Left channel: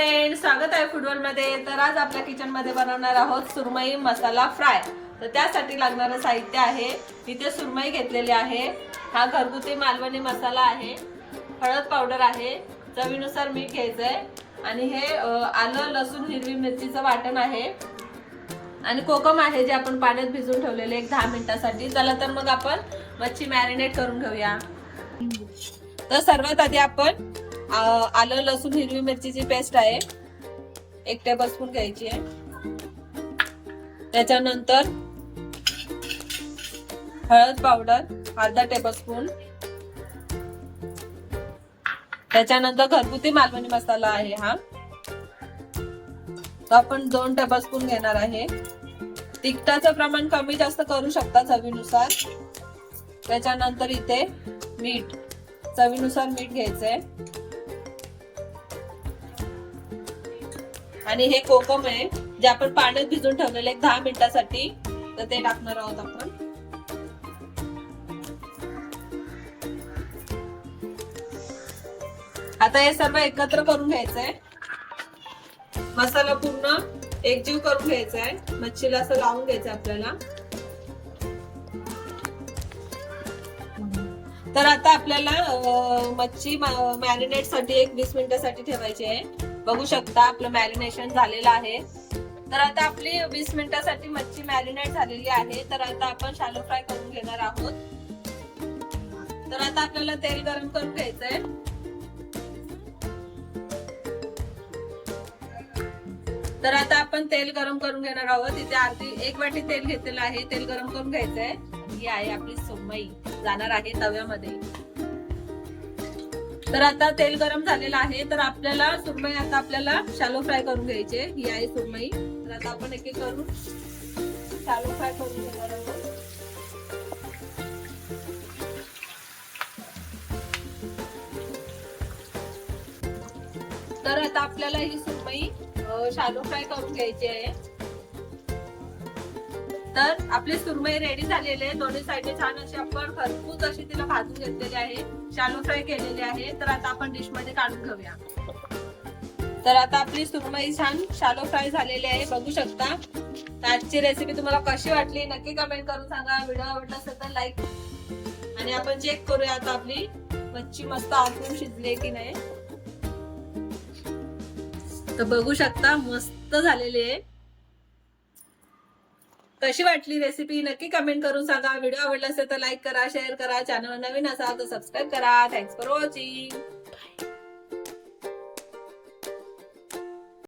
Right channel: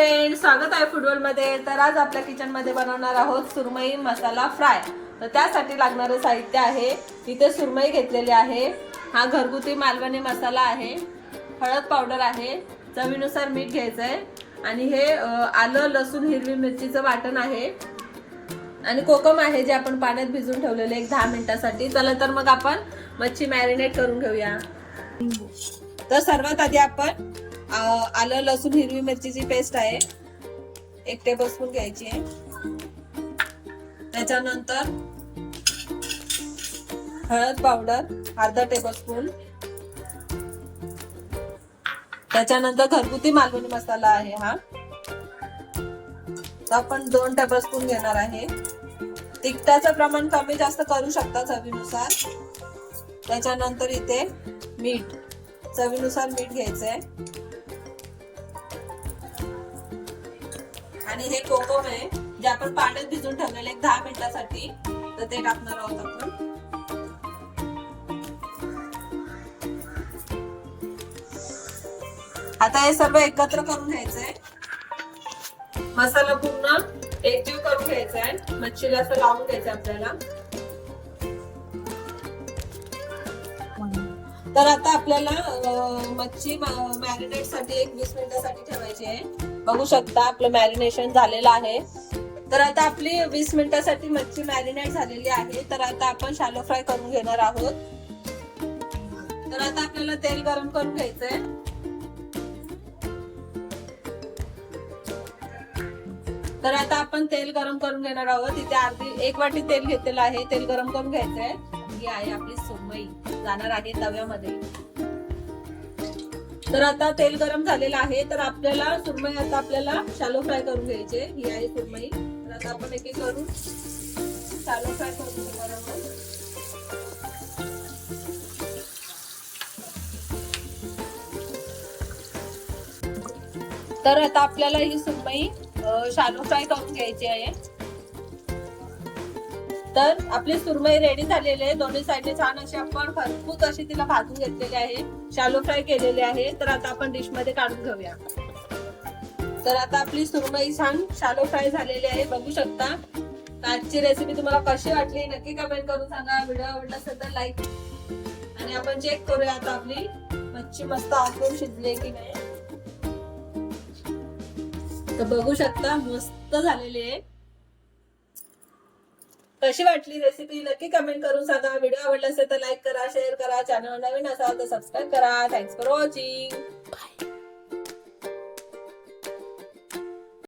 Friends, स्वागत आहे football मध्ये। तर आज आपल्या किचन मध्ये बनवणार आहोत सुरमई मसाला फ्राय। तर त्यासाठी लागणारं साहित्य आहे, इथे सुरमई घेतलेली आहे, हा घरगुती मालवणी मसाला आहे, हळद पावडर आहे, चवीनुसार मीठ घ्यायचंय आणि हे आलं लसूण हिरवी मिरचीचं वाटण आहे आणि कोकम आहे जे आपण पाण्यात भिजवून ठेवलेले एक 10 मिनिटांसाठी। चला तर मग आपण मच्छी मॅरिनेट करून घेऊया। तर सर्वात आधी आपण आलं लसूण हिरवी मिरचीची पेस्ट आहे 1 टेबलस्पून घ्यायची आहे। त्याच्यानंतर हळद पावडर अर्धा टेबलस्पून, त्याच्यानंतर घरगुती मालवणी मसाला आहे हा, तो आपण 2 टेबलस्पून घेणार आहे। तिखटाचं प्रमाण कमी जास्त करू शकता चवीनुसार। त्याच्यानंतर इथे मीठ चवीनुसार मीठ घ्यायचंय आणि हे कोकम आहे जे आपण पाण्यात भिजवून ठेवलेले 10 मिनिटांसाठी, तर ते टाकणार आहोत आपण। आता हे सर्व एकत्र करून घ्यायचंय, मसाला पूर्ण एकजीव करून घ्यायचा आहे, मच्छीला असं लावून घ्यायचं आपल्याला। तर आता आपल्याला मच्छी मॅरिनेट साठी 20 मिनिटांसाठी ठेवायची आहे। बघू शकता आपलं मॅरिनेशन झालेलं आहे। तर आता आपली 20 मिनिटांसाठी मच्छी मॅरिनेट झालेली आहे। तर आता आपण शॅलो फ्राय करून घेणार आहोत। तर आता आपल्याला तेल गरम करून घ्यायचंय। तर आता आपण तेल गरम करून घेणार आहोत। इथे 1 वाटी तेल घेतलेलं आहे, तेल गरम करून घ्यायचंय। ही आहे आपली सुरमई, जाणार आहे तव्यामध्ये। तर आता तेल गरम झालेलं आहे, तर आपल्याला सुरमई आता आपल्याला शॅलो फ्राय करून घ्यायची आहे। ही आहे सुरमई, तर आता आपण एक एक करून शॅलो फ्राय करून घेणार आहोत। तर आता आपल्याला ही सुरमई शॅलो फ्राय करून घ्यायची आहे। तर आपली सुरमई रेडी झालेली आहे, दोन्ही साइडने छान अशी आपण खरपूस अशी तिला भाजून घेतलेली आहे, शॅलो फ्राय केलेली आहे। तर आता आपण डिश मध्ये काढून घेऊया। तर आता आपली सुरमई छान शॅलो फ्राय झालेली आहे, बघू शकता। आजची रेसिपी तुम्हाला कशी वाटली नक्की कमेंट करून सांगा। व्हिडिओ आवडला असेल तर लाईक, आणि आपण चेक करूया आता आपली मच्छी मस्त आतून शिजली की नाही। तर बघू शकता मस्त झालेली आहे। कशी वाटली रेसिपी नक्की कमेंट करून सांगा। व्हिडिओ आवडला असेल तर लाईक करा, शेअर करा, चॅनल नवीन असाल तर सबस्क्राईब करा। Thanks for watching.